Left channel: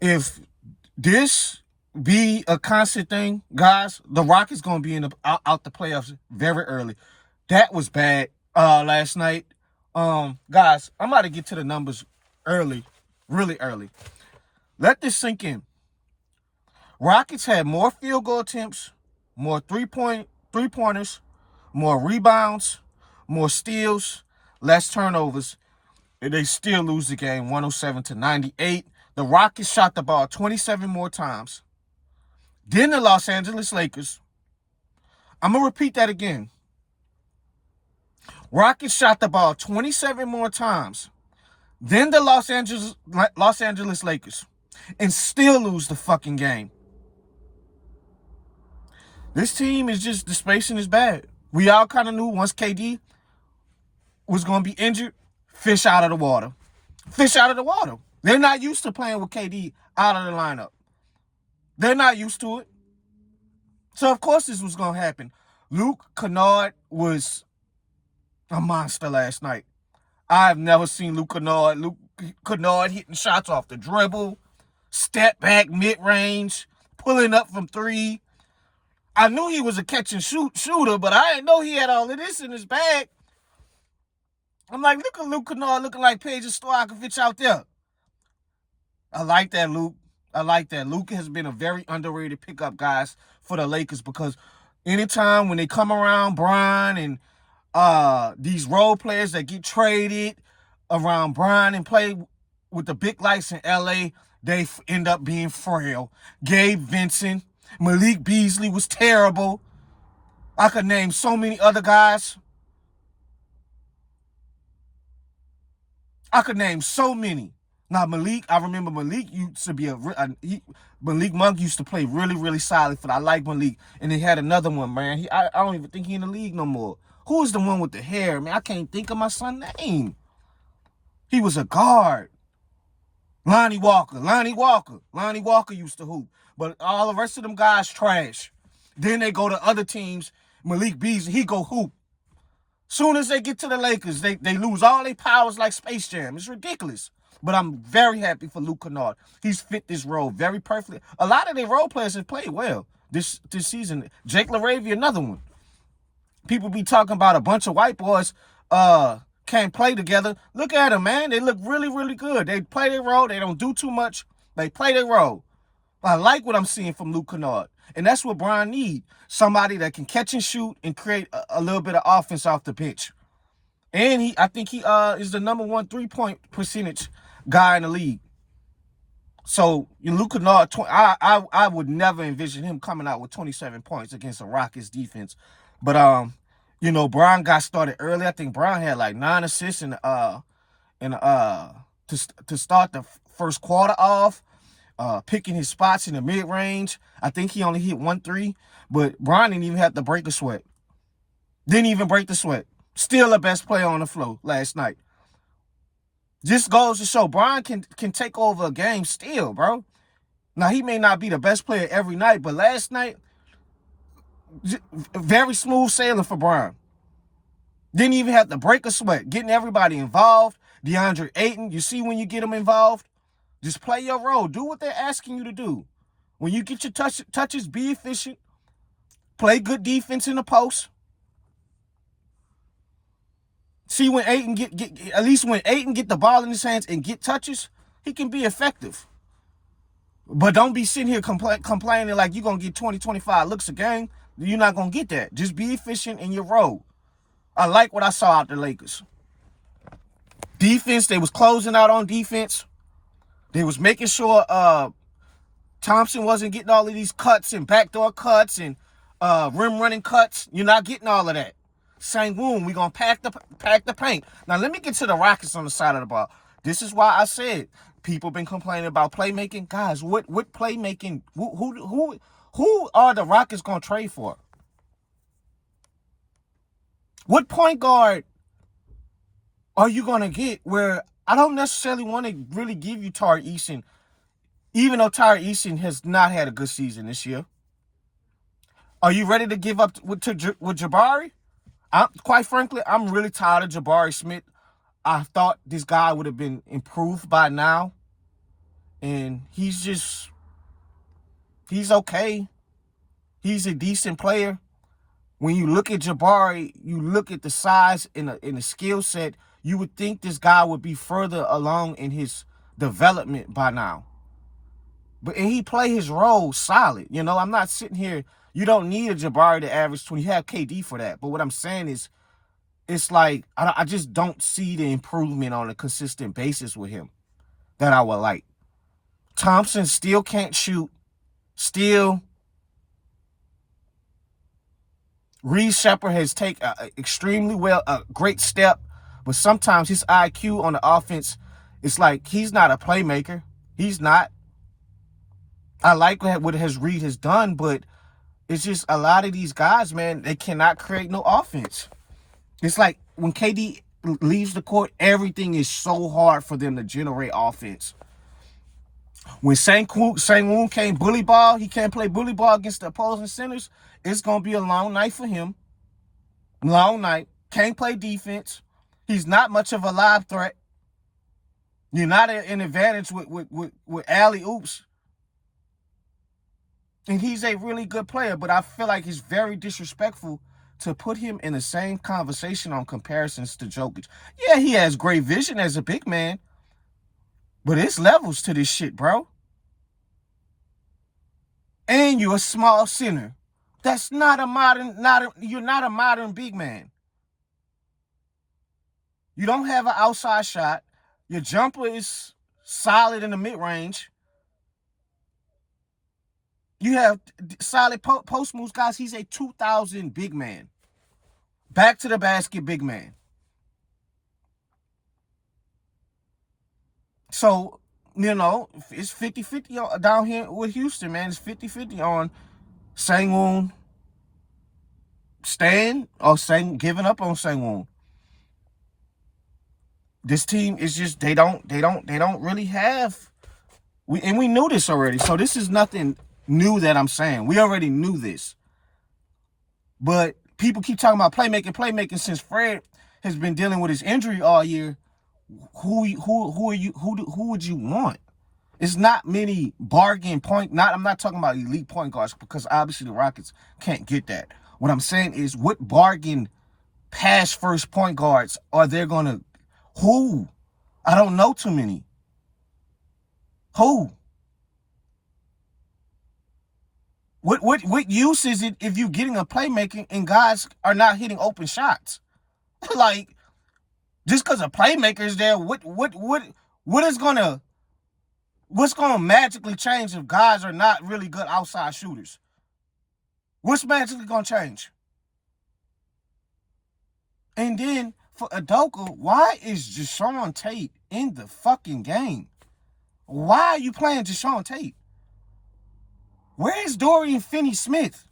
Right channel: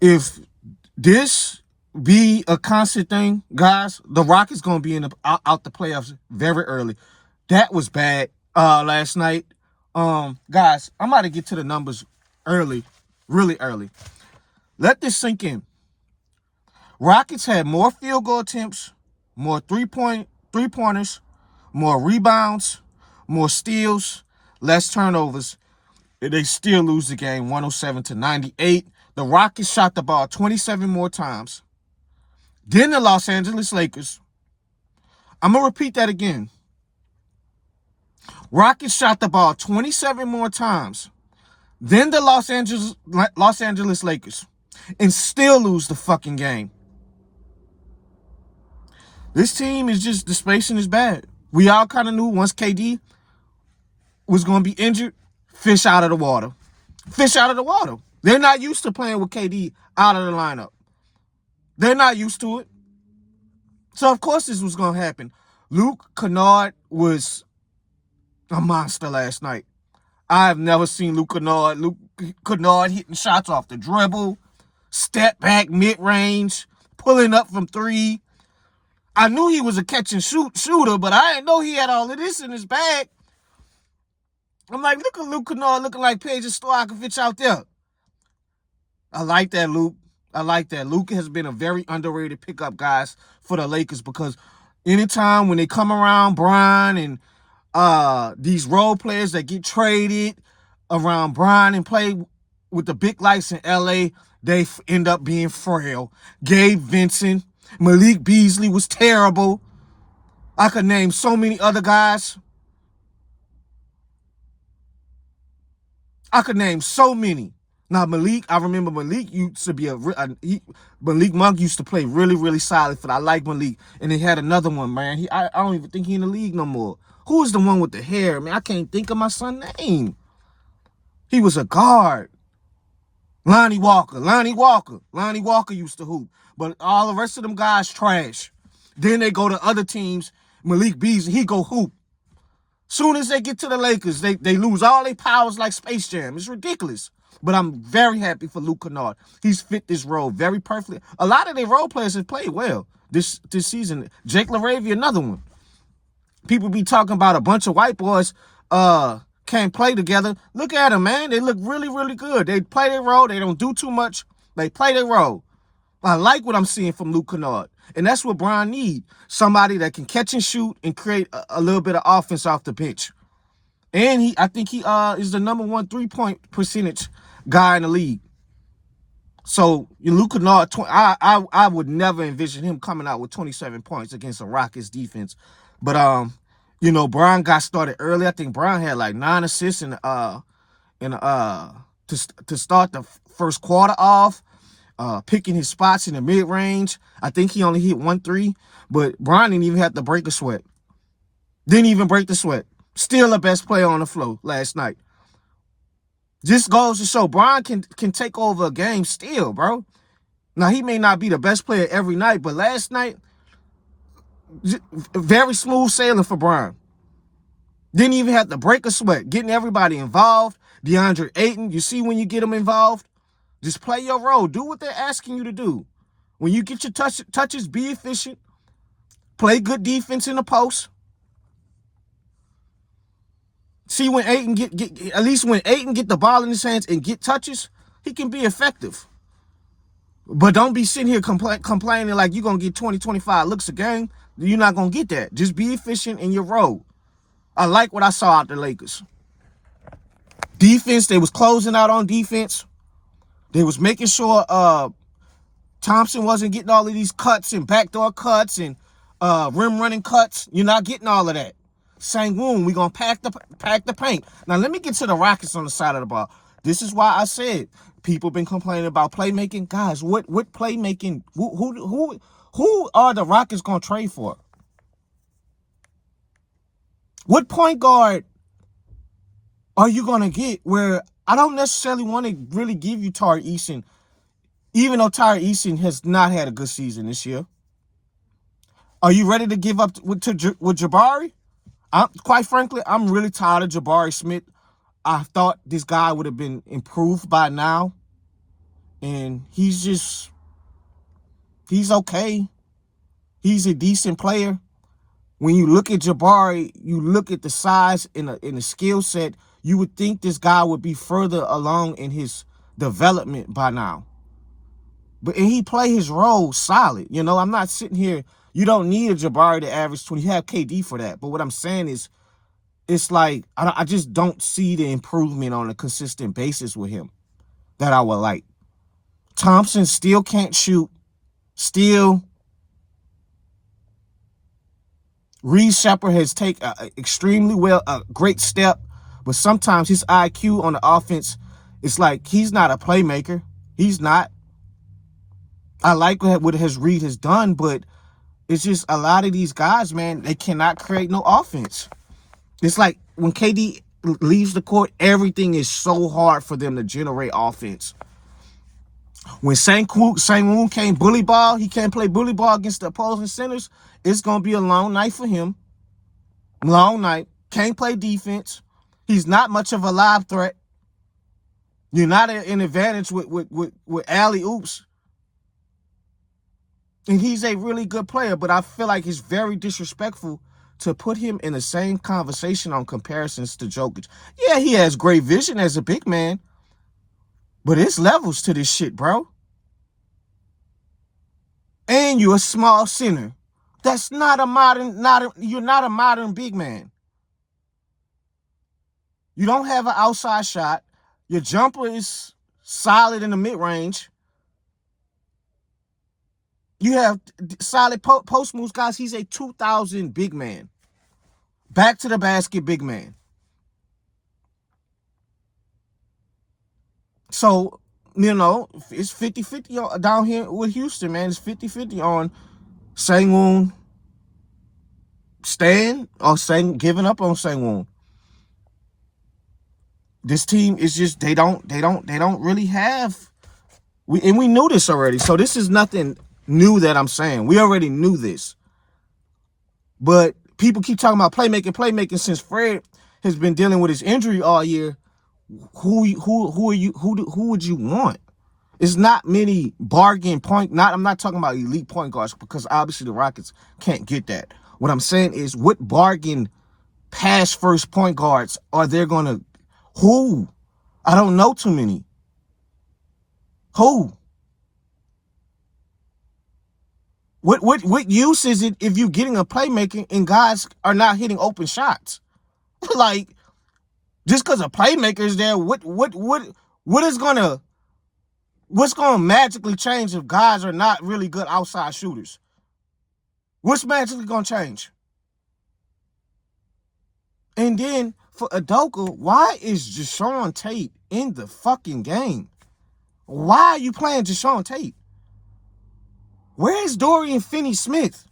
If this be a constant thing, guys, the Rockets gonna be in out the playoffs very early. That was bad last night. Guys, I'm about to get to the numbers early, really early. Let this sink in. Rockets had more field goal attempts, more three pointers, more rebounds, more steals, less turnovers. They still lose the game 107-98. The Rockets shot the ball 27 more times. Then the Los Angeles Lakers. I'm going to repeat that again. Rockets shot the ball 27 more times. Then the Los Angeles Lakers. And still lose the fucking game. This team is just, the spacing is bad. We all kind of knew once KD was going to be injured, fish out of the water. Fish out of the water. They're not used to playing with KD out of the lineup. They're not used to it. So, of course, this was going to happen. Kennard was a monster last night. I've never seen Kennard hitting shots off the dribble, step back, mid-range, pulling up from three. I knew he was a catch-and-shooter, but I didn't know he had all of this in his bag. I'm like, look at Kennard looking like Paige Stojakovic out there. I like that, Luke. I like that. Luka has been a very underrated pickup, guys, for the Lakers, because anytime when they come around Brian and these role players that get traded around Brian and play with the big lights in LA, they end up being frail. Gabe Vincent, Malik Beasley was terrible. I could name so many other guys. I could name so many. Now, Malik, I remember Malik used to be Malik Monk used to play really, really solid for that. I like Malik. And they had another one, man. I don't even think he's in the league no more. Who is the one with the hair? Man, I can't think of my son's name. He was a guard. Lonnie Walker used to hoop. But all the rest of them guys trash. Then they go to other teams. Malik Beasley, he go hoop. Soon as they get to the Lakers, they lose all their powers like Space Jam. It's ridiculous. But I'm very happy for Luka Kennard. He's fit this role very perfectly. A lot of their role players have played well this season. Jake LaRavia, another one. People be talking about a bunch of white boys can't play together. Look at them, man. They look really, really good. They play their role. They don't do too much. They play their role. I like what I'm seeing from Luka Kennard. And that's what Brian needs. Somebody that can catch and shoot and create a little bit of offense off the pitch. And I think he is the number one three-point percentage guy in the league. So Luka Kennard, I would never envision him coming out with 27 points against a Rockets defense. But Brian got started early. I think Brian had like 9 assists to start the first quarter off, picking his spots in the mid-range. I think he only hit 1 3, but Brian didn't even have to break a sweat. Didn't even break the sweat. Still the best player on the floor last night. This goes to show Brian can take over a game still, bro. Now, he may not be the best player every night, but last night, very smooth sailing for Brian. Didn't even have to break a sweat. Getting everybody involved. DeAndre Ayton, you see when you get them involved? Just play your role. Do what they're asking you to do. When you get your touches, be efficient. Play good defense in the post. See when Ayton at least when Ayton get the ball in his hands and get touches, he can be effective. But don't be sitting here complaining like you're going to get 20, 25 looks a game. You're not going to get that. Just be efficient in your role. I like what I saw out the Lakers. Defense, they was closing out on defense. They was making sure Thompson wasn't getting all of these cuts and backdoor cuts and rim running cuts. You're not getting all of that. Sengun, we're going to pack the paint. Now, let me get to the Rockets on the side of the ball. This is why I said people been complaining about playmaking. Guys, what playmaking? Who are the Rockets going to trade for? What point guard are you going to get where I don't necessarily want to really give you Tari Eason, even though Tari Eason has not had a good season this year? Are you ready to give up with Jabari? Quite frankly, I'm really tired of Jabari Smith. I thought this guy would have been improved by now. And he's okay. He's a decent player. When you look at Jabari, you look at the size and the skill set, you would think this guy would be further along in his development by now. And he play his role solid. You know, I'm not sitting here. You don't need a Jabari to average 20. You have KD for that. But what I'm saying is, it's like, I just don't see the improvement on a consistent basis with him that I would like. Thompson still can't shoot. Still. Reed Shepherd has taken extremely well, a great step. But sometimes his IQ on the offense, it's like he's not a playmaker. He's not. I like what Reed has done, but it's just a lot of these guys, man, they cannot create no offense. It's like when KD leaves the court, everything is so hard for them to generate offense. When Sengun can't bully ball, he can't play bully ball against the opposing centers, it's going to be a long night for him. Long night. Can't play defense. He's not much of a live threat. You're not an advantage with alley-oops. And he's a really good player, but I feel like it's very disrespectful to put him in the same conversation on comparisons to Jokic. Yeah, he has great vision as a big man, but it's levels to this shit, bro. And you're a small center. That's not a modern, you're not a modern big man. You don't have an outside shot. Your jumper is solid in the mid-range. You have solid post moves, guys. He's a 2,000 big man. Back to the basket big man. So, you know, it's 50-50 down here with Houston, man. It's 50-50 on Sengun staying or giving up on Sengun. This team is just they don't really have we knew this already. So this is nothing new that I'm saying. We already knew this. But people keep talking about playmaking since Fred has been dealing with his injury all year. Who would you want? It's not many bargain point. I'm not talking about elite point guards because obviously the Rockets can't get that. What I'm saying is, what bargain pass first point guards are they gonna? Who? I don't know too many. Who? What use is it if you're getting a playmaker and guys are not hitting open shots? Like, just because a playmaker is there, what's gonna magically change if guys are not really good outside shooters? What's magically gonna change? And then for Udoka, why is Jae'Sean Tate in the fucking game? Why are you playing Jae'Sean Tate? Where's Dorian Finney-Smith?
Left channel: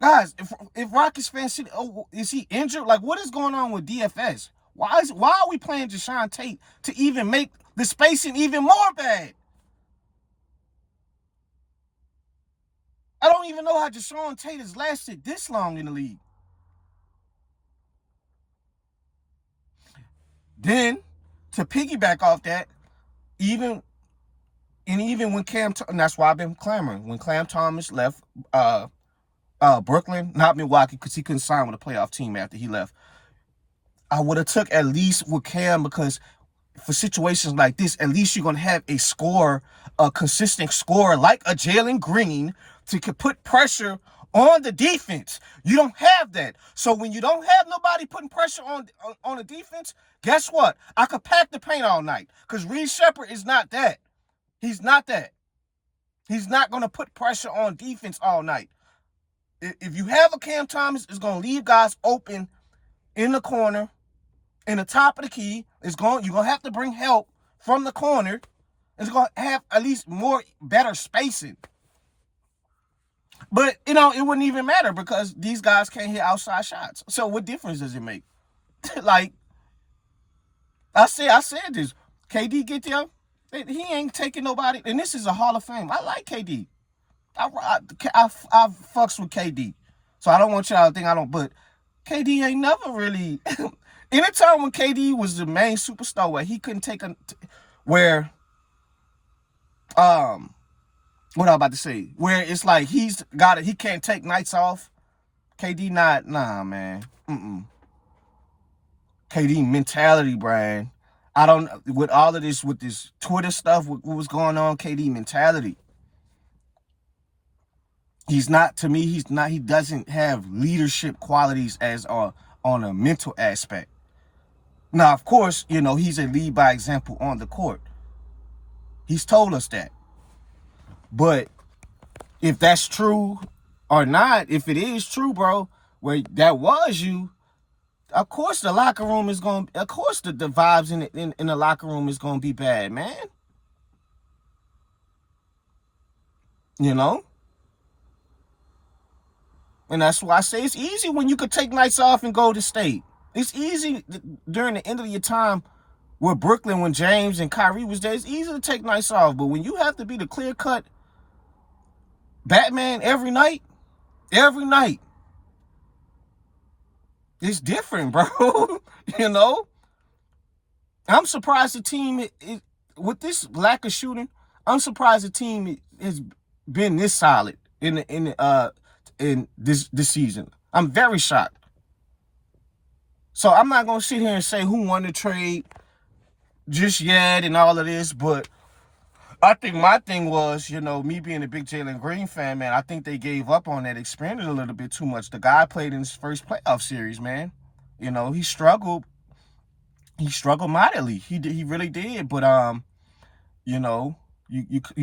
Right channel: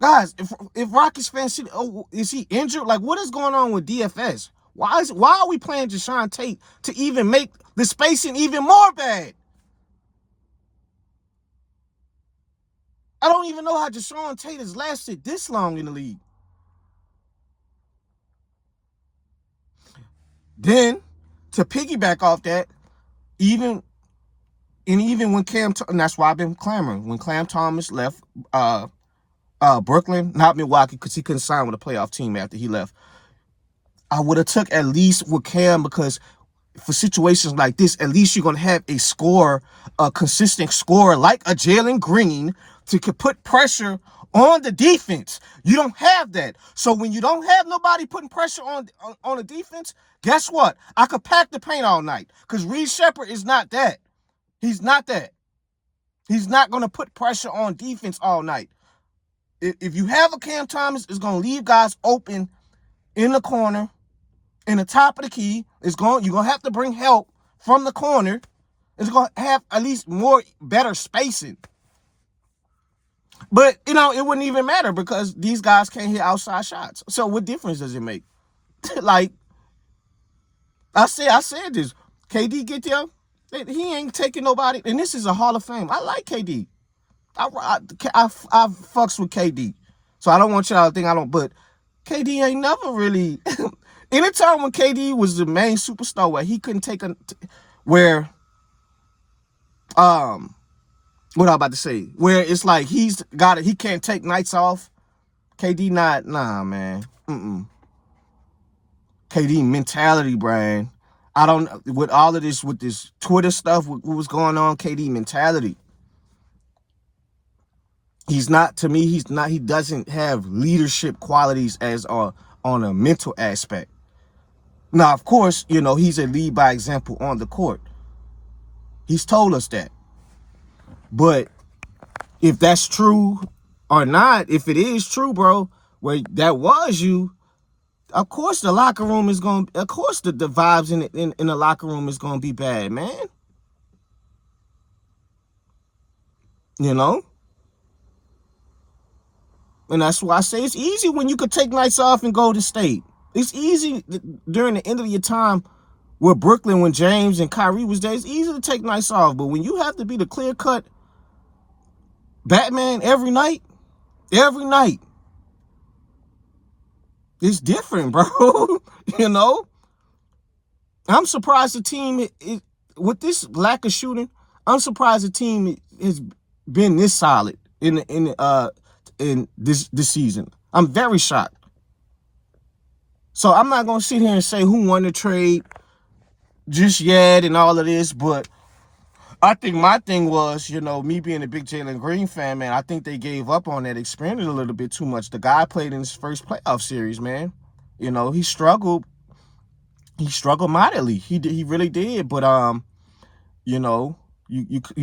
Guys, if Rockets fans see, is he injured? Like, what is going on with DFS? Why are we playing Jae'Sean Tate to even make the spacing even more bad? I don't even know how Jae'Sean Tate has lasted this long in the league. Then, to piggyback off that, even when and that's why I've been clamoring, when Cam Thomas left Brooklyn, not Milwaukee, because he couldn't sign with a playoff team after he left, I would have took at least with Cam, because for situations like this, at least you're going to have a scorer, a consistent scorer like a Jalen Green to put pressure on the defense. You don't have that. So when you don't have nobody putting pressure on the defense, guess what? I could pack the paint all night, because Reed Shepherd is not that. He's not that. He's not going to put pressure on defense all night. If you have a Cam Thomas, it's going to leave guys open in the corner, in the top of the key. You're going to have to bring help from the corner. It's going to have at least better spacing. But, it wouldn't even matter because these guys can't hit outside shots. So what difference does it make? Like, I said this. KD get there, he ain't taking nobody. And this is a Hall of Fame. I like KD. I fucks with KD. So I don't want y'all to think I don't, but KD ain't never really... Anytime when KD was the main superstar where he couldn't take where what I'm about to say, where it's like he can't take nights off. KD not, nah, man. KD mentality, Brian. I don't, with all of this, with this Twitter stuff, what was going on, KD mentality. He's not, to me, he doesn't have leadership qualities as on a mental aspect. Now, of course, he's a lead by example on the court. He's told us that. But if that's true or not, if it is true, bro, where that was you, of course the locker room is going to, of course the vibes in the locker room is going to be bad, man. And that's why I say it's easy when you could take nights off and go to state. It's easy during the end of your time with Brooklyn when James and Kyrie was there. It's easy to take nights off. But when you have to be the clear-cut Batman every night, it's different, bro. I'm surprised the team, with this lack of shooting, I'm surprised the team has been this solid in this season. I'm very shocked. So I'm not gonna sit here and say who won the trade just yet and all of this, but I think my thing was, me being a big Jalen Green fan, man, I think they gave up on that, expanded a little bit too much. The guy played in his first playoff series, man. He struggled. He struggled mightily. He really did. But you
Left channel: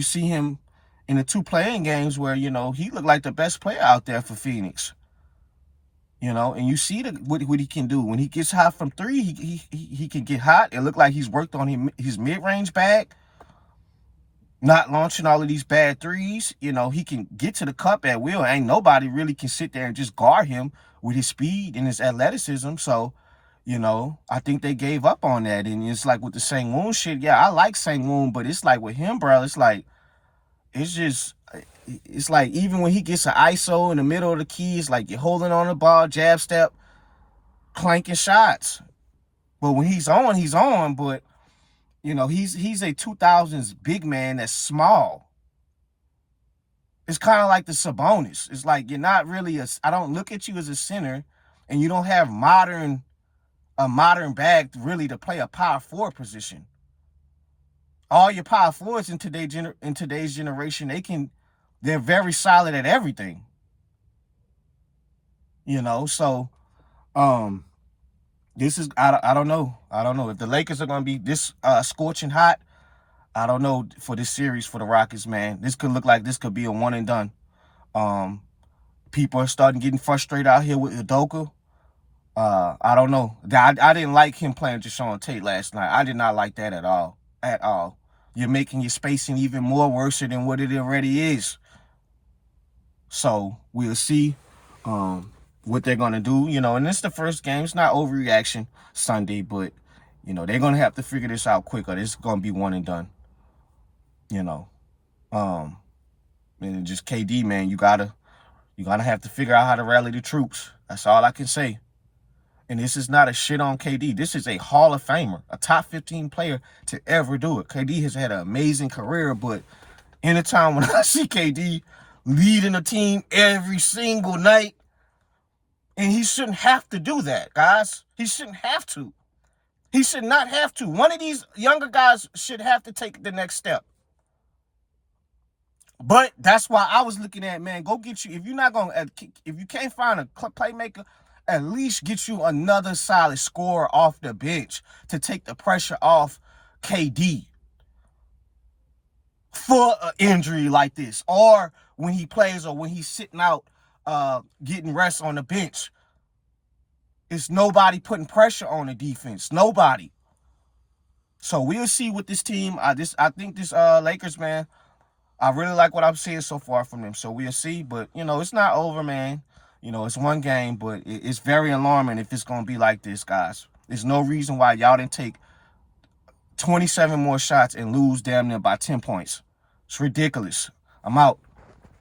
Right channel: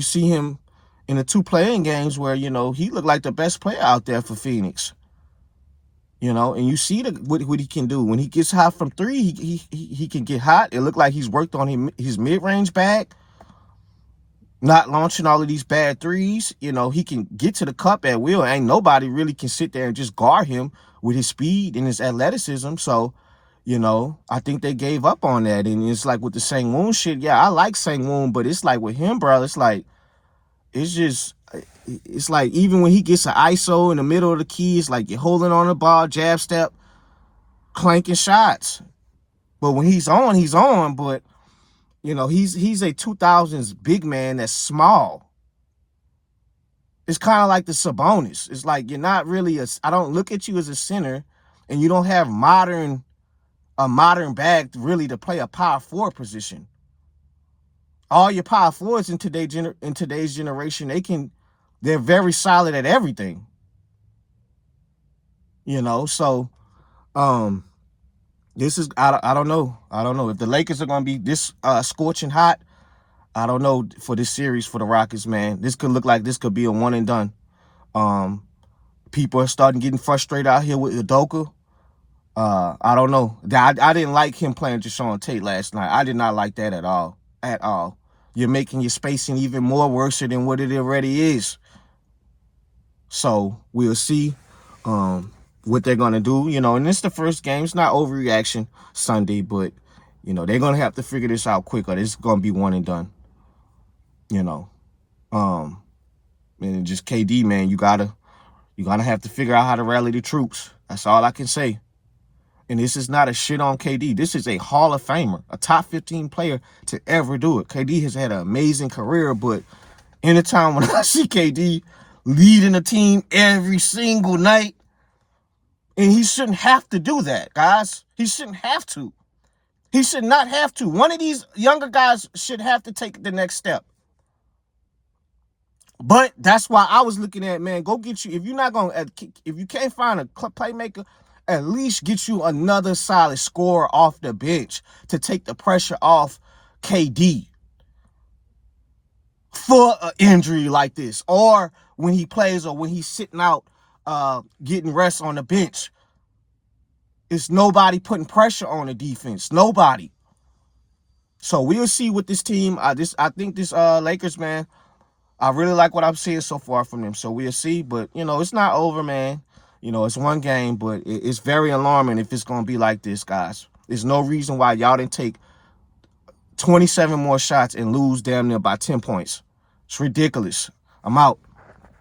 see him in the 2 playing games where he looked like the best player out there for Phoenix. And you see what he can do when he gets hot from 3. He can get hot. It looked like he's worked on his mid-range bag. Not launching all of these bad threes. He can get to the cup at will. Ain't nobody really can sit there and just guard him with his speed and his athleticism. So, I think they gave up on that. And it's like with the Sengun shit, yeah, I like Sengun, but it's like with him, bro, it's like even when he gets an ISO in the middle of the key, it's like you're holding on the ball, jab step, clanking shots. But when he's on, but he's a 2000s big man that's small. It's kind of like the Sabonis. It's like you're not really I don't look at you as a center, and you don't have a modern bag really to play a power forward position. All your power forwards in today's generation, they're very solid at everything. So this is I don't know if the Lakers are gonna be this scorching hot. I don't know for this series for the Rockets, man. This could look like this could be a one and done. People are starting getting frustrated out here with Udoka. I don't know. I didn't like him playing Jason Tate last night. I did not like that at all. At all. You're making your spacing even more worse than what it already is. So we'll see what they're gonna do. And it's the first game. It's not overreaction Sunday, but they're gonna have to figure this out quicker. This is gonna be one and done. And just KD, man, you're gonna have to figure out how to rally the troops. That's all I can say. And this is not a shit on KD. This is a Hall of Famer, a top 15 player to ever do it. KD has had an amazing career, but anytime when I see KD leading a team every single night, and he shouldn't have to do that, guys. He shouldn't have to. He should not have to. One of these younger guys should have to take the next step. But that's why I was looking at, man, go get you. If you can't find a playmaker, at least get you another solid scorer off the bench to take the pressure off KD for an injury like this, or when he plays, or when he's sitting out getting rest on the bench. It's nobody putting pressure on the defense. Nobody. So we'll see with this team. I think this Lakers, man, I really like what I'm seeing so far from them. So we'll see. But, it's not over, man. It's one game, but it's very alarming if it's going to be like this, guys. There's no reason why y'all didn't take 27 more shots and lose damn near by 10 points. It's ridiculous. I'm out.